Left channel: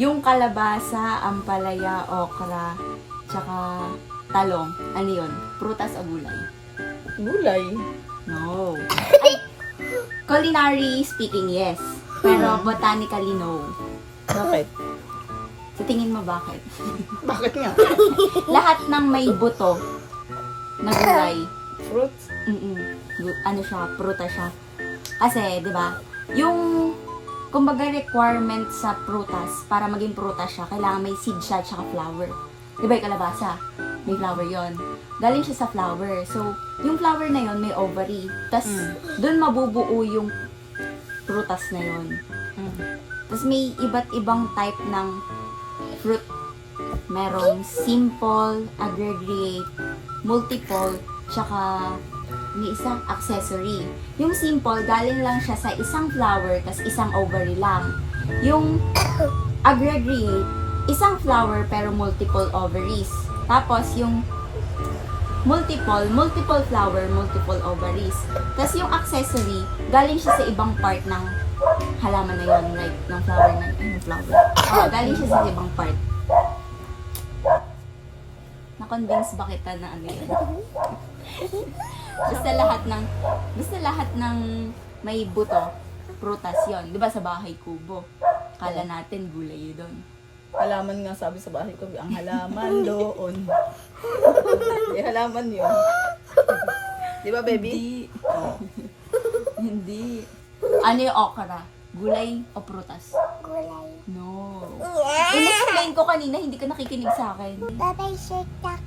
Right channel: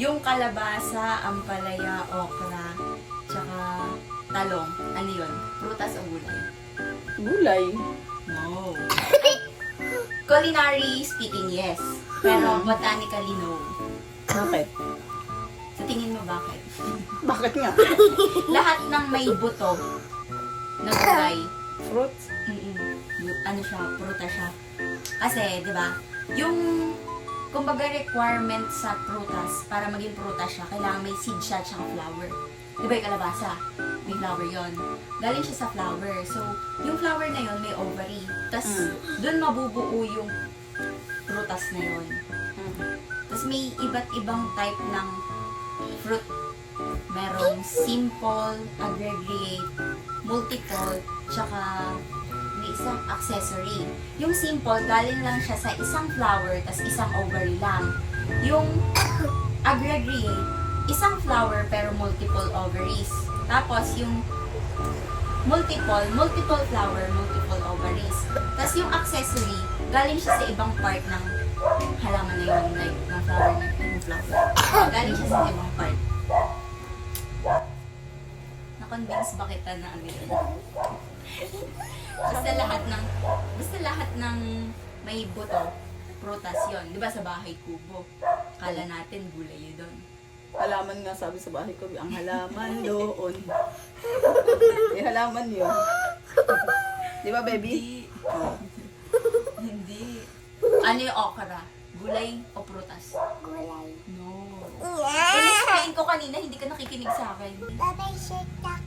Yung kalabasa, ampalaya, okra, tsaka talong. Ano yun? Prutas o gulay? Gulay. No. Ay, culinary speaking, yes. Pero botanically, no. Bakit? Sa tingin mo bakit? Bakit nga? Lahat ng may buto na gulay, Fruits? ano siya, prutas siya. Kasi, di ba, yung, kumbaga requirement sa prutas, para maging prutas siya, kailangan may seed siya at saka flower. Di ba yung kalabasa? May flower yon. Galing siya sa flower. So, yung flower na yon may ovary. Tapos, dun mabubuo yung prutas na yon. Tapos, may iba't ibang type ng fruit. Merong simple, aggregate, multiple, tsaka may isang accessory. Yung simple, galing lang siya sa isang flower, tas isang ovary lang. Yung aggregate, isang flower pero multiple ovaries. Tapos yung multiple flower, multiple ovaries. Tas yung accessory, galing siya sa ibang part ng halaman na yun, like ng flower na yung flower. Galing siya sa ibang part. Na-convince ba kita na ano yun? Basta lahat ng may buto, prutas yon. Di ba sa bahay kubo? Kala natin gulay doon. Halaman nga sabi sa bahay ko, ang halaman doon. May halaman yun. Di ba, baby? Hindi. Hindi. Ano yung okra? Gulay o prutas? Gulay. No. In-explain ko kanina, hindi ka nakikinig sa akin. Tatay, shake tak.